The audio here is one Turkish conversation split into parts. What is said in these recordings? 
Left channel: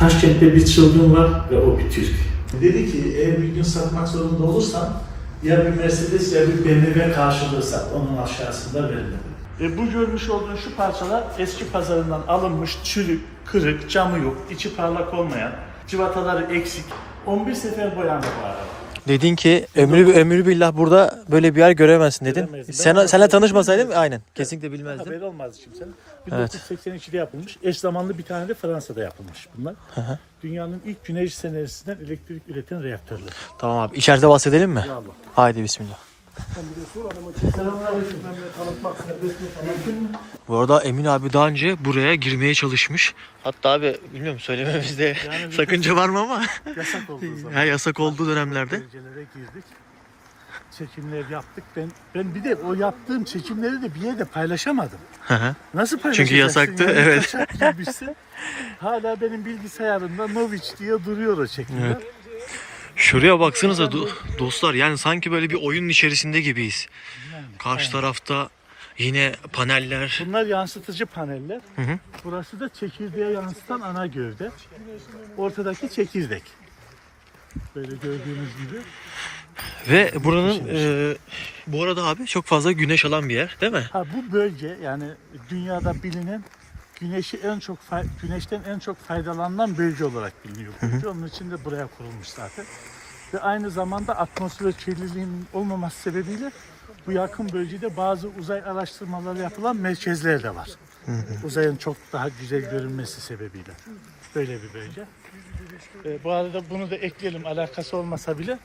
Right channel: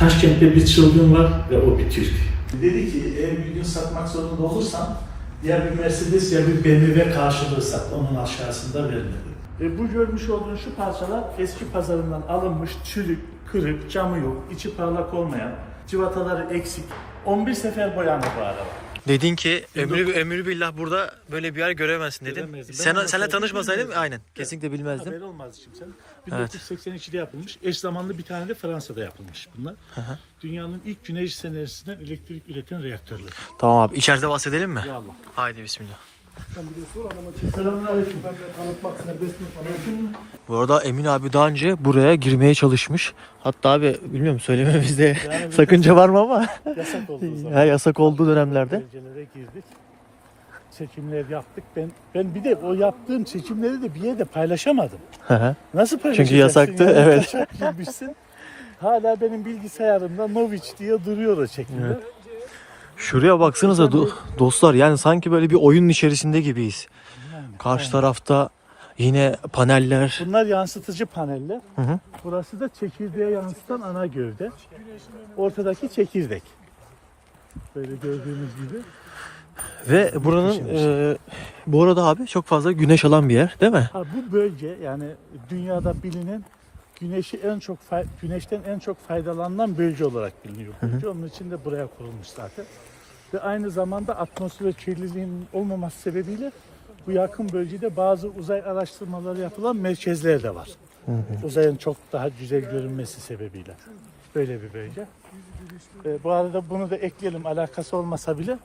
Taşkent'te bir çılgın var ve o bir Türk. Dedi ki eğer bir gün satmak zorunda olursan ya bir Mercedes ya bir BMW karşılığı sat. Onun aşağısında verme dedi. E, bu görmüş olduğun şu parçalar eski pazarından alınmış çürük, kırık, camı yok, içi parlak olmayan, civataları eksik. 11 sefer boyandı bu araba. Dedin ki ömrü ömrü billah burada böyle bir yer göremezsin dedin. Göremezdim. Sen senle tanışmasaydım aynen kesinlikle bilmezdim. Haberi olmaz kimsenin. Evet. 1982'de yapılmış. Eş zamanlı bir tane de Fransa'da yapılmış bunlar. hı. Dünyanın ilk güneş enerjisinden elektrik üreten reaktörler. Tamam abi içeride bahsedelim mi? Ya Allah. Haydi bismillah. Bu arada Emin abi daha önce buraya girmeye çalışmış. Hatta abi bilmiyorum söylememizde sakınca var mı ama Yasak olduğu zaman. ya yasak olduğu dönemlerde. Girdik. Çekimler yaptık. Ben ben bir de o yaptığım çekimleri de bir yerde paylaşamadım. Hı hı. Nasıl paylaşacaksın? yasaktı, Yani evet. girmişsin. Hala benim bilgisayarımda Noviç diye duruyor o çekimler. Evet. Şuraya baksanıza do- dostlar yani sanki böyle bir oyunun içerisinde gibiyiz. Karşı tarafta yine paneller. Bunlar yansıtıcı paneller. Hı hı. Burası da çekirdeğe yansıtan ana gövde. Ortadaki çekirdek. Böyle gördüğünüz gibi. Ve buranın e, bu arada abi çok fazla güneş alan bir yer değil mi? Ha bu bölge yani dünyada bilinen güneşi en çok güneşten en çok faydalanan bölge olarak biliniyor. bölge. Onun için de buraya kurulmuş zaten. Ve aynı zamanda atmosfer kirliliğinin olmaması sebebiyle bu yakın bölgede bazı uzay araştırmaları yapılan merkezler de var. Uzayın çok daha güzel görünmesi sebebiyle. Böyle bir bölge. Ee, bu arada bunu da ekleyelim alakası olmasa bile.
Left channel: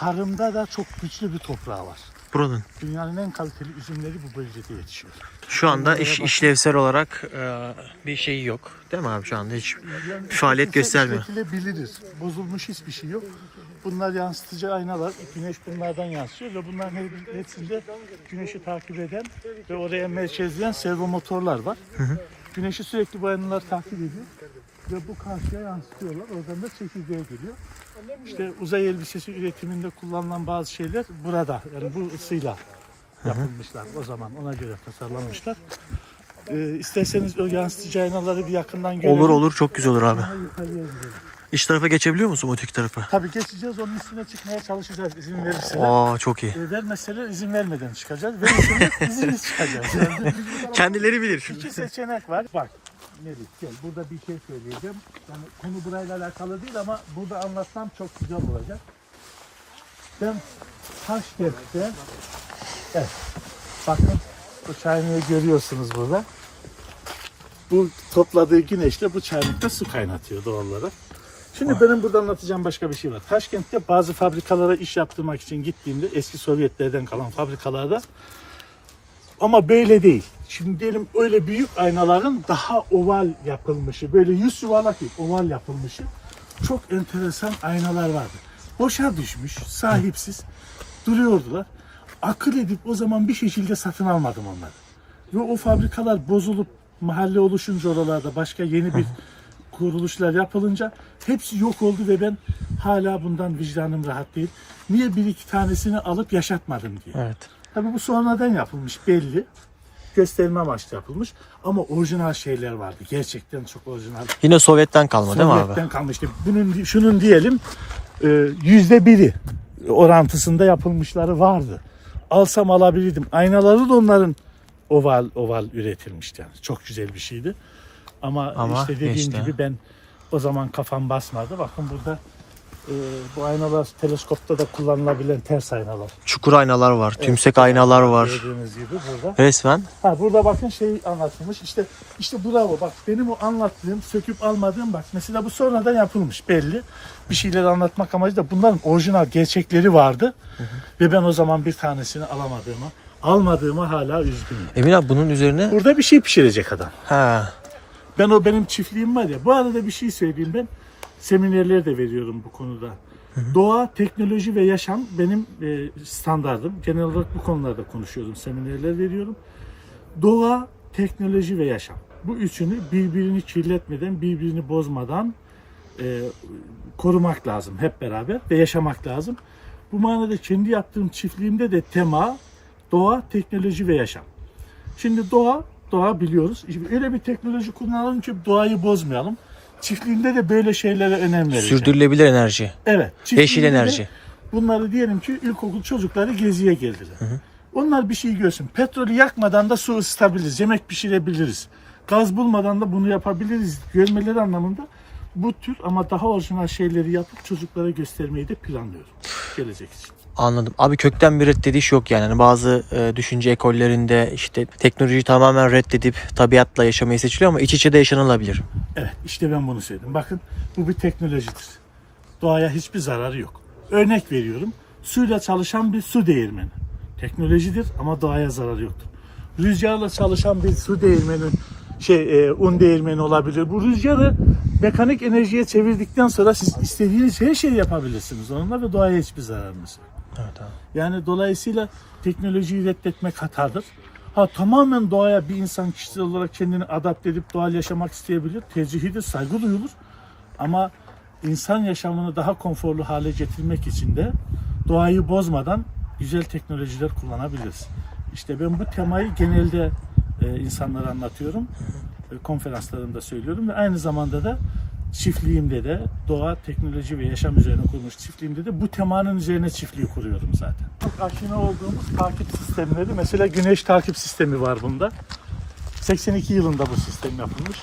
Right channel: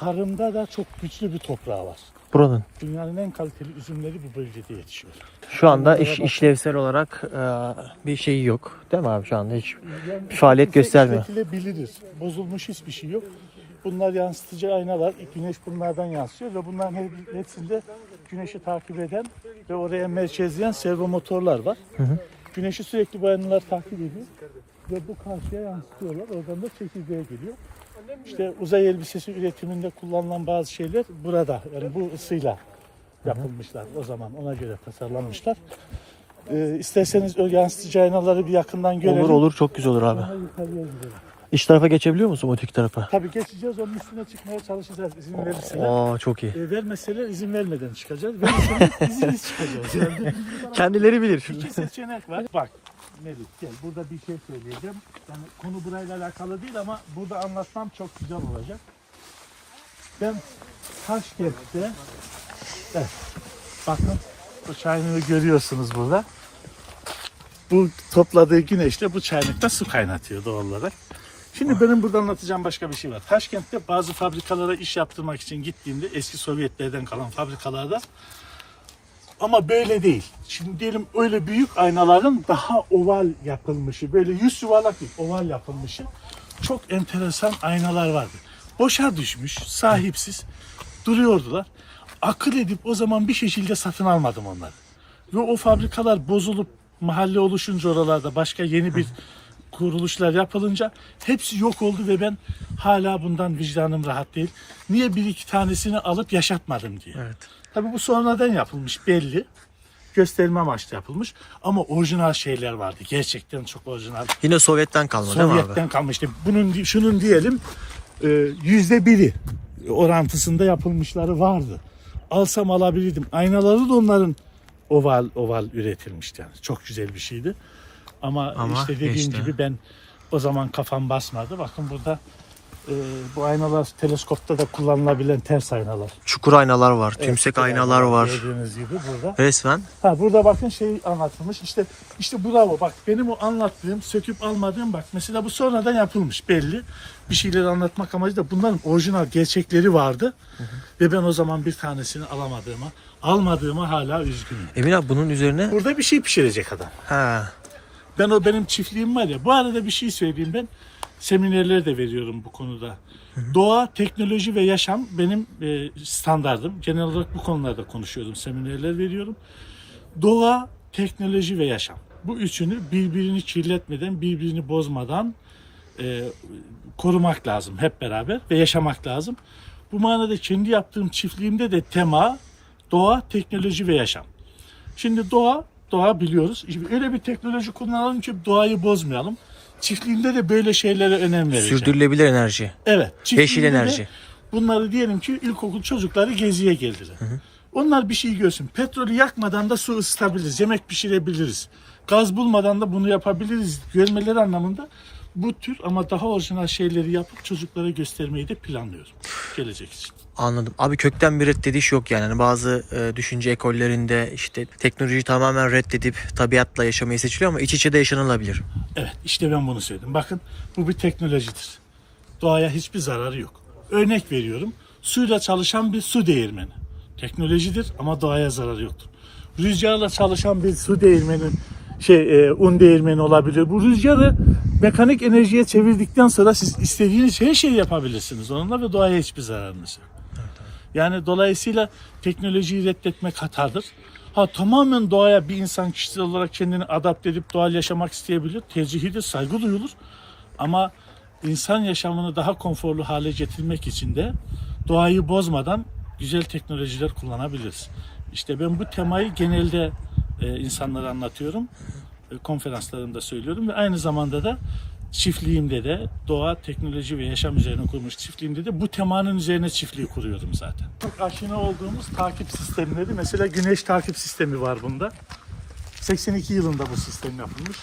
Tarımda da çok güçlü bir toprağı var. Buranın. Dünyanın en kaliteli üzümleri bu bölgede yetişiyor. Şu anda iş, işlevsel olarak e, bir şeyi yok. Değil mi abi şu anda hiç? Yani Faaliyet göstermiyor. işletilebilir. Bozulmuş hiçbir şey yok. Bunlar yansıtıcı aynalar. Güneş bunlardan yansıyor ve bunların hepsinde güneşi takip eden ve oraya merkezleyen servo motorlar var. Güneşi sürekli bu aynalar takip ediyor ve bu karşıya yansıtıyorlar. Oradan da çekirdeğe geliyor. İşte uzay elbisesi üretiminde kullanılan bazı şeyler burada. Yani bu ısıyla yapılmışlar o zaman. Ona göre tasarlanmışlar. Ee, isterseniz o yansıtıcı aynaları bir yakından görelim. Olur olur çok güzel olur abi. Sonra yukarıya gidelim. İç tarafa geçebiliyor musun öteki tarafa? Tabii geçeceğiz onun üstüne çıkmaya çalışacağız izin verirseler. Aa çok iyi. E, vermeseler izin vermeden çıkacağız. Verirseniz izinsiz çıkacağız. Yani Kendileri bilir. iki seçenek var. Bak Melih gel burada bir şey söyleyeceğim. Yani konu burayla alakalı değil ama burada anlatsam çok güzel olacak. Ben Taşkent'te evet, bakın bu çayını görüyorsunuz burada. Bu topladığı güneşle bu çaylıkta su kaynatıyor doğal olarak. Şimdi benim burada anlatacağım başka bir şey var. Taşkent'te bazı fabrikalara iş yaptırmak için gittiğimde eski Sovyetlerden kalan fabrikalarda ama böyle değil. Şimdi diyelim öyle büyük aynaların daha oval yapılmışı, böyle yüz yuvarlak değil, oval yapılmışı çok enteresan aynalar vardı. Boşa düşmüş, sahipsiz duruyordular. Akıl edip o zaman bir şekilde satın almadım onları. Ve o fabrikalar bozulup mahalle oluşunca oralarda başka yeni bir kuruluşlar yapılınca hepsi yok oldu ve ben hala bundan vicdanım rahat değil. Niye bir iki tanesini alıp yaşatmadım diye. Evet. Tabii bu sonradan yapılmış belli. Gösterme amaçlı yapılmış. Ama orijinal şeyler vardı. Gerçekten çok orijinal. Yine Sovyet'ten kalma değil mi abi? Sovyet'ten kalmıştı. Bunun şunun diyelim e, yüzde biri orantısında yapılmışları vardı. Alsam alabilirdim. Aynaları da onların oval oval üretilmişti yani. Çok güzel bir şeydi. Ama, Ama işte dediğim işte. gibi ben o zaman kafam basmadı. Bakın burada e, bu aynalar teleskopta da kullanılabilen ters aynalar. Çukur aynalar var, tümsek aynalar var. Gördüğünüz gibi burada. Resmen. Ha, burada bakın şey anlatılmış. İşte işte bravo bak benim o anlattığım, söküp almadığım bak mesela bu sonradan yapılmış belli. Bir şeyleri anlatmak amacıyla bunların orijinal gerçekleri vardı. Ve ben o zaman bir tanesini alamadığıma, almadığıma hala üzgünüm. Emin abi bunun üzerine Burada bir şey pişirecek adam. ha Ben o benim çiftliğim var ya. Bu arada bir şey söyleyeyim ben. Seminerler de veriyorum bu konuda. Doğa, teknoloji ve yaşam benim e, standardım. Genel olarak bu konularda konuşuyorum. Seminerler veriyorum. Doğa, teknoloji ve yaşam. Bu üçünü birbirini kirletmeden, birbirini bozmadan e, korumak lazım hep beraber ve yaşamak lazım. Bu manada kendi yaptığım çiftliğimde de tema doğa, teknoloji ve yaşam. Şimdi doğa, doğa biliyoruz. Şimdi öyle bir teknoloji kullanalım ki doğayı bozmayalım. Çiftliğimde de böyle şeylere önem vereceğim. Sürdürülebilir enerji. Evet. Yeşil enerji. Bunları diyelim ki ilkokul çocukları geziye geldiler. Onlar bir şey görsün. Petrolü yakmadan da su ısıtabiliriz. Yemek pişirebiliriz. Gaz bulmadan da bunu yapabiliriz. Görmeleri anlamında bu tür ama daha orijinal şeyleri yapıp çocuklara göstermeyi de planlıyorum. Gelecek için. Anladım. Abi kökten bir reddediş yok yani. Hani bazı e, düşünce ekollerinde işte teknolojiyi tamamen reddedip tabiatla yaşamayı seçiliyor ama iç içe de yaşanılabilir. Evet işte ben bunu söyledim. Bakın bu bir teknolojidir. Doğaya hiçbir zararı yok. Örnek veriyorum. Suyla çalışan bir su değirmeni. Teknolojidir ama doğaya zararı yoktur. Rüzgarla çalışan bir su değirmeni şey e, un değirmeni olabilir. Bu rüzgarı mekanik enerjiye çevirdikten sonra siz istediğiniz her şeyi yapabilirsiniz onunla ve doğaya hiçbir zararınız yok. Yani dolayısıyla teknolojiyi reddetmek hatadır. Ha tamamen doğaya bir insan kişisel olarak kendini adapte edip doğal yaşamak isteyebilir. Tercihidir, saygı duyulur. Ama insan yaşamını daha konforlu hale getirmek için de doğayı bozmadan güzel teknolojiler kullanabiliriz. İşte ben bu temayı genelde e, insanlara anlatıyorum. E, konferanslarımda söylüyorum ve aynı zamanda da çiftliğimde de doğa, teknoloji ve yaşam üzerine kurmuş çiftliğimde de bu temanın üzerine çiftliği kuruyorum zaten. Çok aşina olduğumuz takip sistemleri mesela güneş takip sistemi var bunda. 82 yılında bu sistem yapılmış.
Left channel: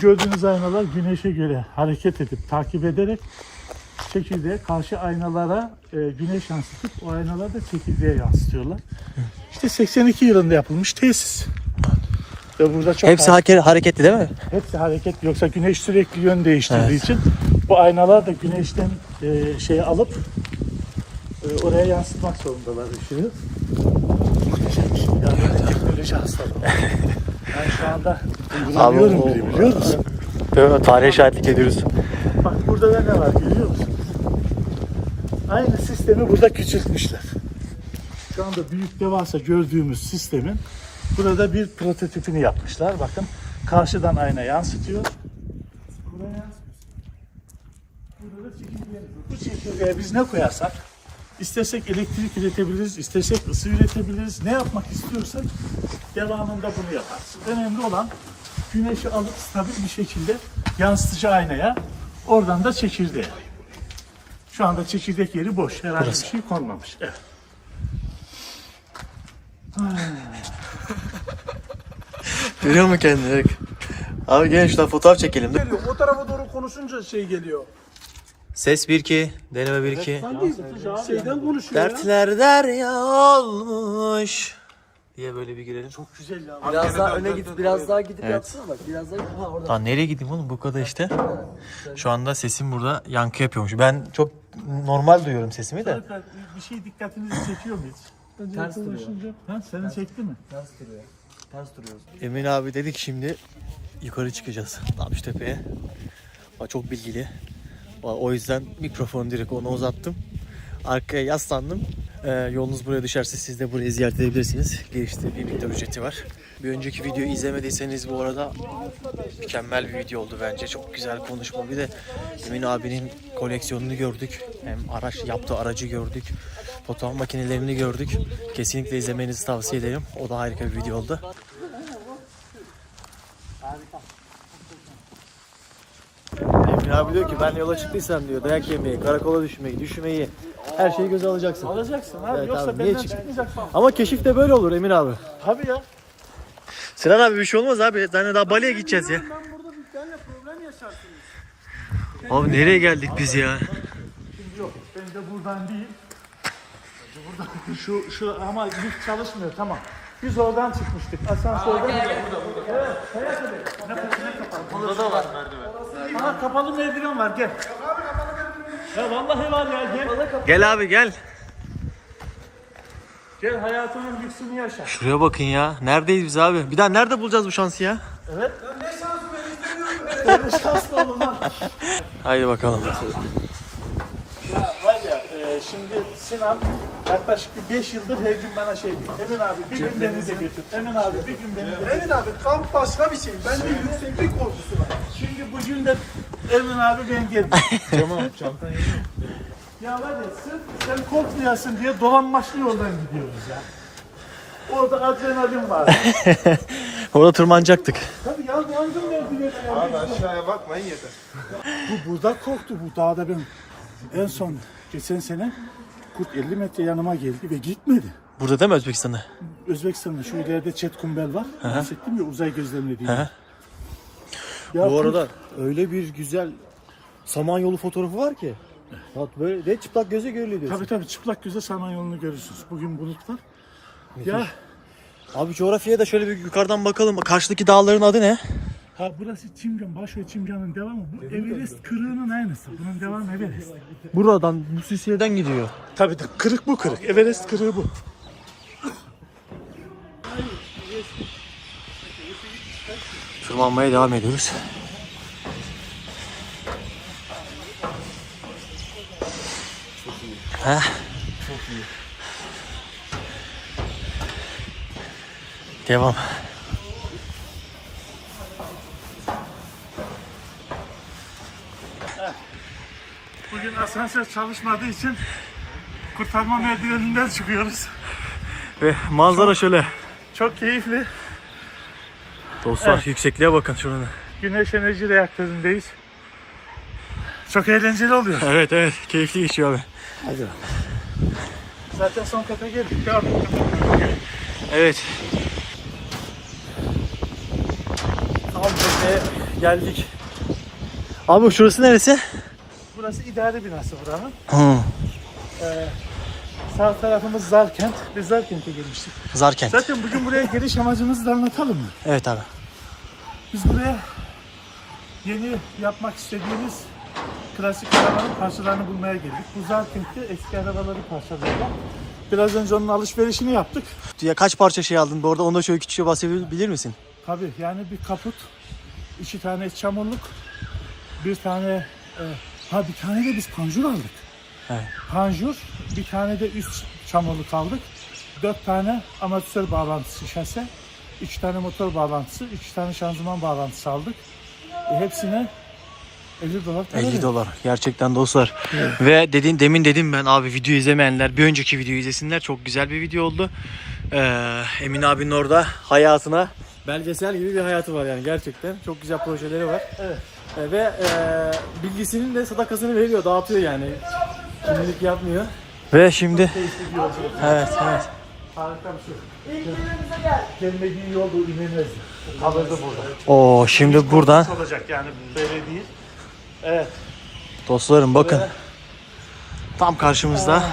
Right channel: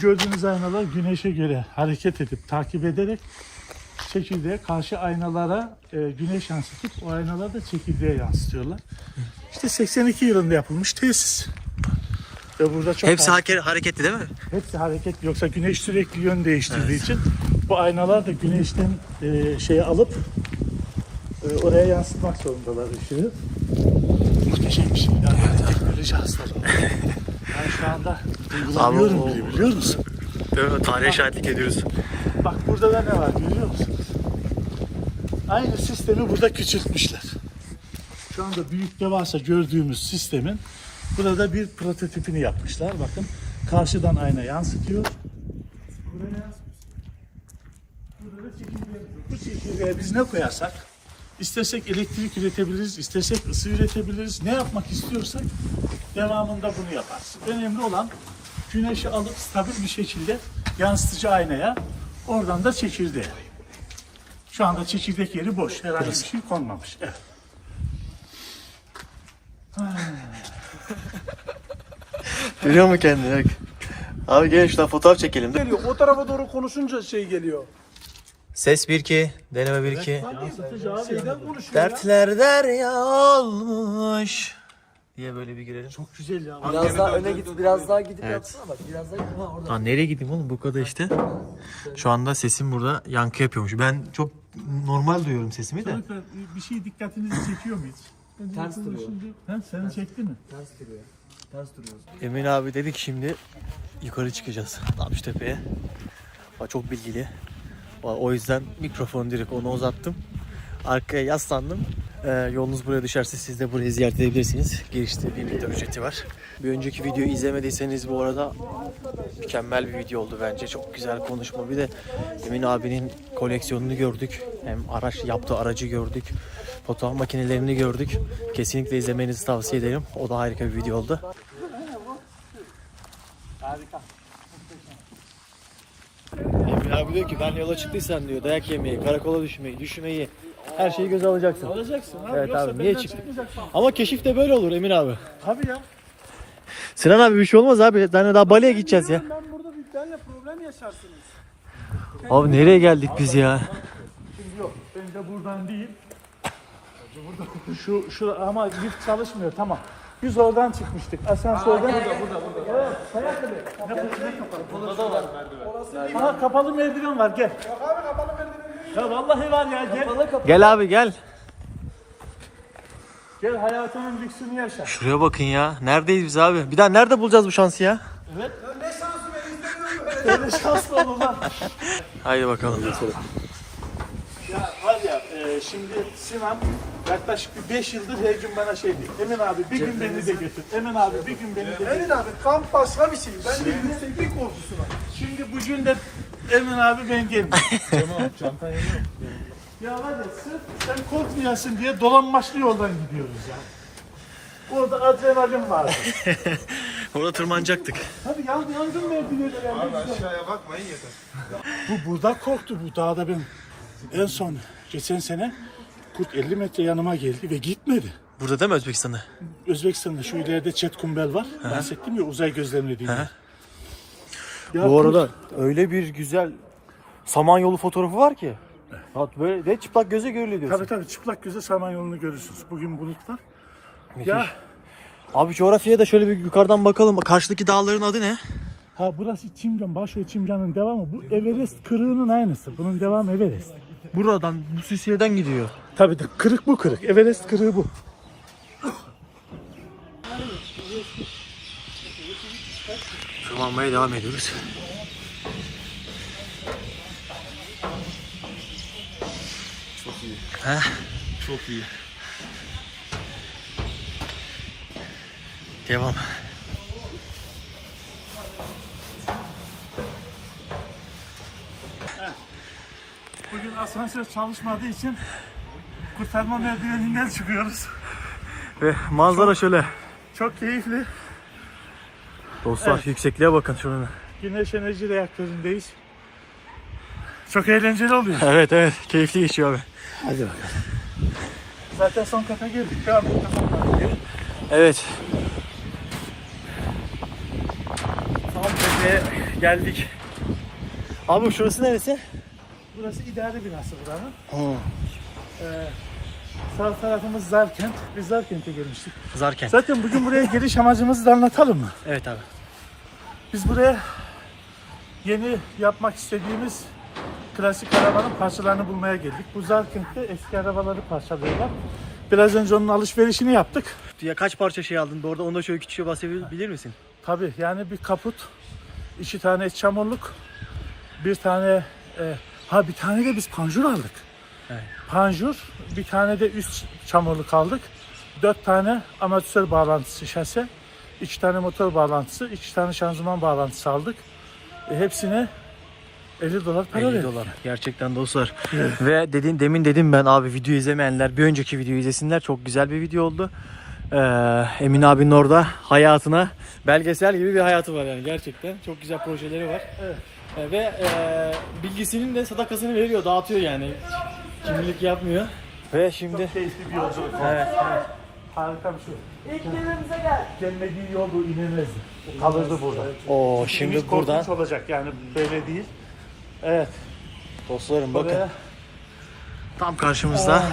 Gördüğünüz aynalar güneşe göre hareket edip takip ederek çekirdeğe karşı aynalara e, güneş yansıtıp o aynalar da çekirdeğe yansıtıyorlar. İşte 82 yılında yapılmış tesis. Burada çok Hepsi hake- hareketli değil mi? Hepsi hareket yoksa güneş sürekli yön değiştirdiği için bu aynalar da güneşten e, şeyi alıp e, oraya yansıtmak zorundalar ışığı. Muhteşem bir şey. Yani teknoloji hastalığı. Ben şu anda duygulanıyorum bile biliyor musun? Değil mi? Tarihe şahitlik ediyoruz. Bak burada da ne var biliyor musun? Aynı sistemi burada küçültmüşler. Şu anda büyük devasa gördüğümüz sistemin burada bir prototipini yapmışlar. Bakın karşıdan ayna yansıtıyor. Buraya. Burada da. Bu çekirdeğe biz ne koyarsak istesek elektrik üretebiliriz, istesek ısı üretebiliriz. Ne yapmak istiyorsak devamında bunu yaparız. Önemli olan güneşi alıp stabil bir şekilde yansıtıcı aynaya oradan da çekirdeğe. Şu anda çekirdek yeri boş. Herhangi bir şey konmamış. Evet. Görüyor musun kendini? Bak. Abi gelin şuradan fotoğraf çekelim. geliyor. O tarafa doğru konuşunca şey geliyor. Ses 1-2, deneme 1-2. Yansıtıcı abi. Şeyden konuşuyor ya. Dertler derya olmuş. Diye böyle bir girelim. Çok güzel ya. Biraz daha öne git, biraz daha gidip Evet. yapsana bak. Biraz daha ha orada. Lan nereye gideyim oğlum bu kadar işte. Şu anda sesim burada yankı yapıyormuş. Ben çok normal duyuyorum sesimi de. Çocuklar, Bir şey dikkatinizi çekiyor mu hiç? Ters duruyor. Ha, seni çekti mi? Ters duruyor. Ters duruyoruz. Emin abi dedik şimdi yukarı çıkacağız Napştepe'ye. Aa, Çok bilgili. Aa, O yüzden mikrofonu direkt ona uzattım. Arkaya yaslandım. Ee, yolunuz buraya düşerse siz de burayı ziyaret edebilirsiniz. Girişte bir miktar ücreti var. Bir önceki videoyu izlemediyseniz bu arada mükemmel bir video oldu bence. Çok güzel konuşma. Bir de Emin abinin koleksiyonunu gördük. Hem araç yaptığı aracı gördük. Fotoğraf makinelerini gördük. Kesinlikle izlemenizi tavsiye ederim. O da harika bir video oldu. Harika. Emin abi diyor ki ben yola çıktıysam diyor dayak yemeyi, karakola düşmeyi, düşmeyi her şeyi göze alacaksın. Alacaksın abi. Evet Yoksa abi, niye falan. Ama keşif de böyle olur Emin abi. Tabii ya. Sinan abi bir şey olmaz abi. Hani daha Bali'ye gideceğiz ya. Ben burada dükkanla problem yaşarsınız. Abi nereye geldik biz ya? Şimdi yok. Ben de buradan değil. Burada şu şu ama lift çalışmıyor tamam. Biz oradan çıkmıştık. Asansörden. Burada burada burada. Ne kapalı ne kapalı? Burada da var merdiven. Ha kapalı merdiven var gel. Ya vallahi var ya gel. Gel abi gel. Gel hayatının lüksünü yaşa. Şuraya bakın ya. Neredeyiz biz abi? Bir daha nerede bulacağız bu şansı ya? Evet. Öyle şanslar olan. Haydi bakalım. Ya var ya e, şimdi Sinan yaklaşık bir 5 yıldır her gün bana şey diyor. Emin abi bir gün beni de götür. Emin abi bir gün beni de götür. Evet abi kamp başka bir şey. Ben de yükseklik korkusu var. Şimdi bugün de Emin abi ben geldim. Tamam çantan Ya var ya sırf sen korkmayasın diye dolanmaçlı yoldan gidiyoruz ya. Orada adrenalin var. Orada tırmanacaktık. Tabii yan, yangın mevzuları. Abi aşağıya bakmayın yeter. Bu burada korktu. Bu dağda ben en son geçen sene kurt 50 metre yanıma geldi ve gitmedi. Burada değil mi Özbekistan'da? Özbekistan'da şu ileride Çetkumbel var. Bahsettim ya uzay gözlemlediğim. Hı hı. Ya Bu kurt- arada öyle bir güzel samanyolu fotoğrafı var ki. Bak böyle de çıplak göze görülüyor diyorsun. Tabii tabii çıplak göze Samanyolu'nu görürsünüz. Bugün bulut var. Ya Abi coğrafyaya da şöyle bir yukarıdan bakalım. Karşıdaki dağların adı ne? Ha burası Çimcan, Başoy Çimcan'ın devamı. Bu Everest kırığının aynısı. Bunun devamı Everest. Buradan bu silsileden gidiyor. Tabii de kırık bu kırık. Everest kırığı bu. Tırmanmaya devam ediyoruz. Heh. Çok iyi. Devam. Asansör çalışmadığı için kurtarma merdiveninden çıkıyoruz. Ve manzara şöyle. Çok keyifli. Dostlar yüksekliğe bakın şurada. Güneş enerji reaktöründeyiz. Çok eğlenceli oluyor. Evet evet keyifli geçiyor abi. Zaten son kata geldik. Devam. Evet. Tam tepeye geldik. Abi şurası neresi? Burası idare binası buranın. Hı. Sağ tarafımız Zarkent. Biz Zarkent'e gelmiştik. Zarkent. Zaten bugün buraya geliş amacımızı da anlatalım mı? Evet abi. Biz buraya yeni yapmak istediğimiz klasik arabanın parçalarını bulmaya geldik. Bu Zarkent'te eski arabaları parçalıyorlar. Biraz önce onun alışverişini yaptık. Ya kaç parça şey aldın? Bu arada onda şöyle küçükçe bahsedebilir misin? Tabii yani bir kaput, iki tane çamurluk, bir tane e, ha bir tane de biz panjur aldık. Evet. Panjur, bir tane de üst çamurluk aldık. Dört tane amatör bağlantısı şase, iki tane motor bağlantısı, iki tane şanzıman bağlantısı aldık. E, hepsine 50 dolar para 50 verdik. dolar. Gerçekten dostlar. Ve dedin demin dedim ben abi video izlemeyenler bir önceki videoyu izlesinler. Çok güzel bir video oldu. Ee, Emin abinin orada hayatına belgesel gibi bir hayatı var yani gerçekten. Çok güzel projeleri var. Ee, ve e, bilgisinin de sadakasını veriyor, dağıtıyor yani. Şimdilik yapmıyor. Ve şimdi yolculuk. evet evet. Harika bir şey. Gelmediği yol bu inilmezdi. Kalırdı burada. Oo şimdi buradan olacak yani böyle değil. Evet. dostlarım bakın. Tam karşımızda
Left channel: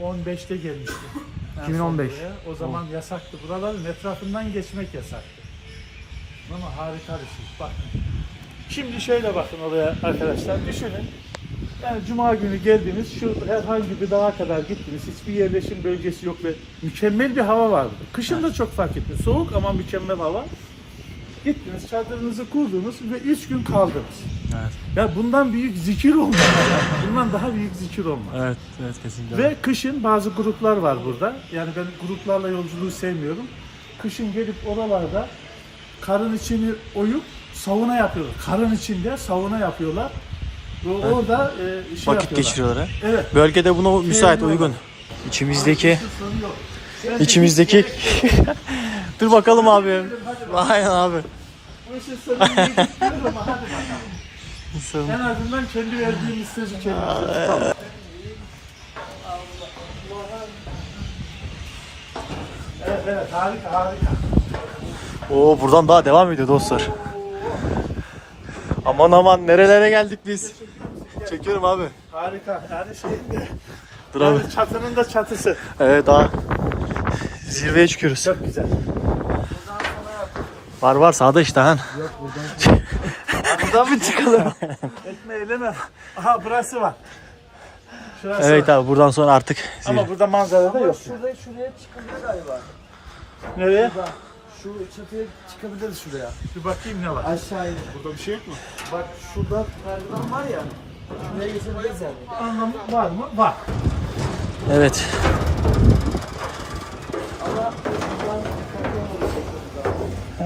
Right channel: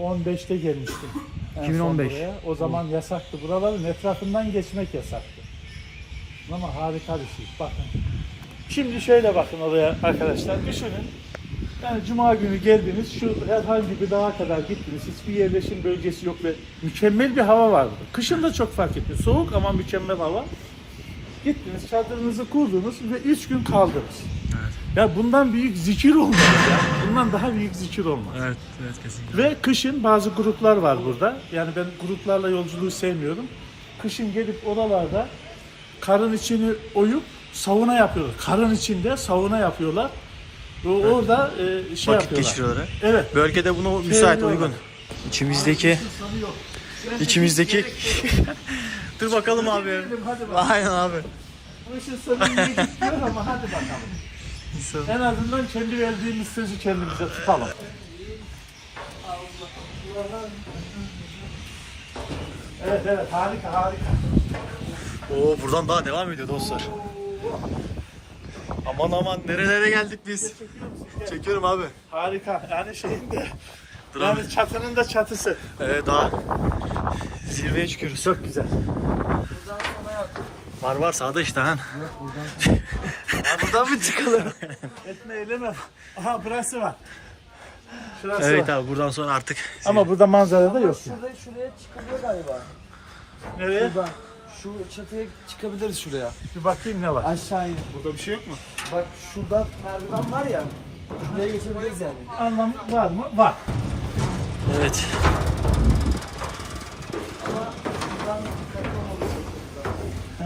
2015'te gelmiştim. Ben 2015. son buraya. O zaman yasaktı. Buraların etrafından geçmek yasaktı. Ama harika bir şey. Bakın. Şimdi şöyle bakın oraya arkadaşlar. Düşünün. Yani cuma günü geldiniz. Şu herhangi bir dağa kadar gittiniz. Hiçbir yerleşim bölgesi yok ve mükemmel bir hava vardı. Kışın da çok fark etmiyor. Soğuk ama mükemmel hava. Gittiniz, çadırınızı kurdunuz ve 3 gün kaldınız. Evet. Ya bundan büyük zikir olmaz ya. Bundan daha büyük zikir olmaz. Evet, evet kesinlikle. Ve kışın bazı gruplar var burada. Yani ben gruplarla yolculuğu sevmiyorum. Kışın gelip oralarda karın içini oyup sauna yapıyorlar. Karın içinde sauna yapıyorlar. Ve orada e, şey Vakit yapıyorlar. geçiriyorlar. Evet. Bölgede buna müsait, Sevmiyorlar. uygun. İçimizdeki içimizdeki Dur bakalım abi. Aynen abi. Bu işin sonunu iyi gitmiyor ama hadi bakalım. En azından kendi verdiğimiz sözü kendimize tutalım. Evet evet harika harika. Oo buradan daha devam ediyor dostlar. Aman aman nerelere geldik biz. Çekiyorum abi. Harika. Yani şeyin de Dur abi. yani çatının da çatısı. Evet daha zirveye çıkıyoruz. Çok güzel. Var var sağda işte han. buradan mı çıkalım? Etme eyleme. Aha burası var. Şurası evet var. abi buradan sonra artık Ama burada manzara da yok. Şuraya şuraya çıkabilir galiba. Nereye? Şu çatıya çıkabiliriz şuraya. Bir bakayım ne var. Aşağı in. Burada bir şey yok mu? Bak şurada merdiven var ya. Şuraya geçebiliriz yani. Anlamı var mı? Var. Evet. He.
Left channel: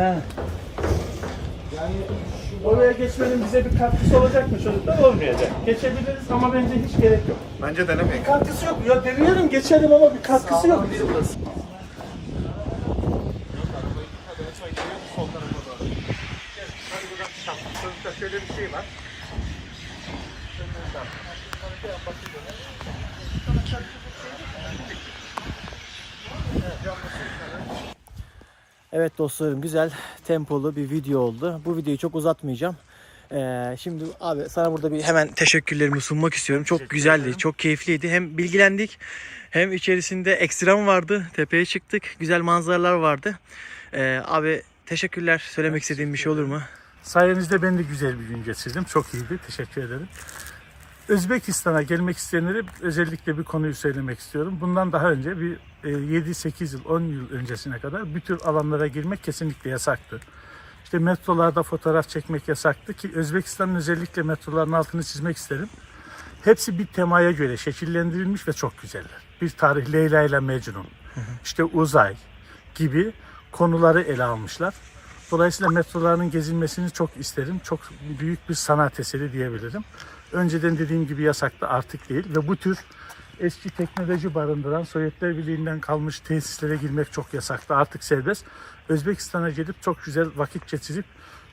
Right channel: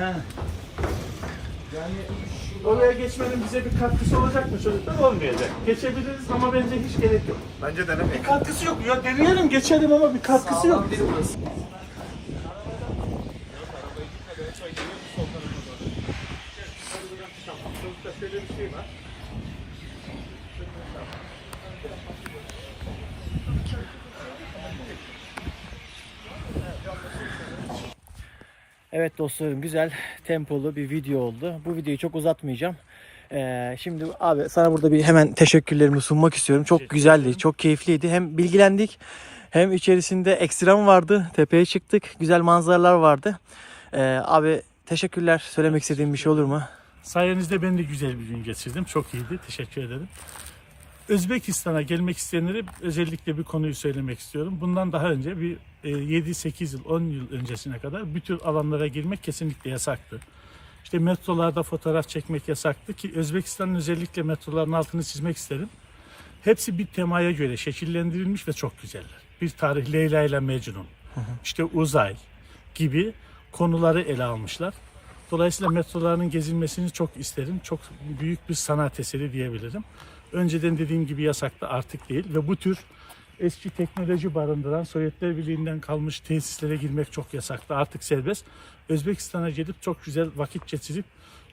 Yani Oraya geçmenin bize bir katkısı olacak mı çocuklar? Olmayacak. Geçebiliriz ama bence hiç gerek yok. Bence denemeyin. Katkısı yok. Ya deneyelim geçelim ama bir katkısı yok. Şöyle bir şey var. Evet dostlarım güzel tempolu bir video oldu. Bu videoyu çok uzatmayacağım. Ee, şimdi abi sana burada bir hemen teşekkürlerimi sunmak istiyorum. Çok güzeldi, çok keyifliydi. Hem bilgilendik hem içerisinde ekstrem vardı. Tepeye çıktık. Güzel manzaralar vardı. Ee, abi teşekkürler. Söylemek istediğim bir şey olur mu? Sayenizde ben de güzel bir gün geçirdim. Çok iyiydi. Teşekkür ederim. Özbekistan'a gelmek isteyenlere özellikle bir konuyu söylemek istiyorum. Bundan daha önce bir e, 7-8 yıl, 10 yıl öncesine kadar bu tür alanlara girmek kesinlikle yasaktı. İşte metrolarda fotoğraf çekmek yasaktı ki Özbekistan'ın özellikle metroların altını çizmek isterim. Hepsi bir temaya göre şekillendirilmiş ve çok güzeller. Bir tarih Leyla ile Mecnun, işte uzay gibi konuları ele almışlar. Dolayısıyla metroların gezilmesini çok isterim. Çok büyük bir sanat eseri diyebilirim. Önceden dediğim gibi yasaktı artık değil ve bu tür eski teknoloji barındıran Sovyetler Birliği'nden kalmış tesislere girmek çok yasaktı. Artık serbest. Özbekistan'a gelip çok güzel vakit geçirip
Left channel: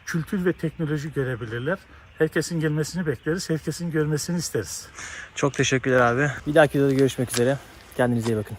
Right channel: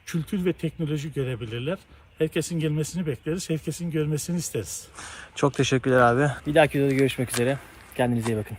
kültür ve teknoloji görebilirler. Herkesin gelmesini bekleriz. Herkesin görmesini isteriz. Çok teşekkürler abi. Bir dahaki videoda görüşmek üzere. Kendinize iyi bakın.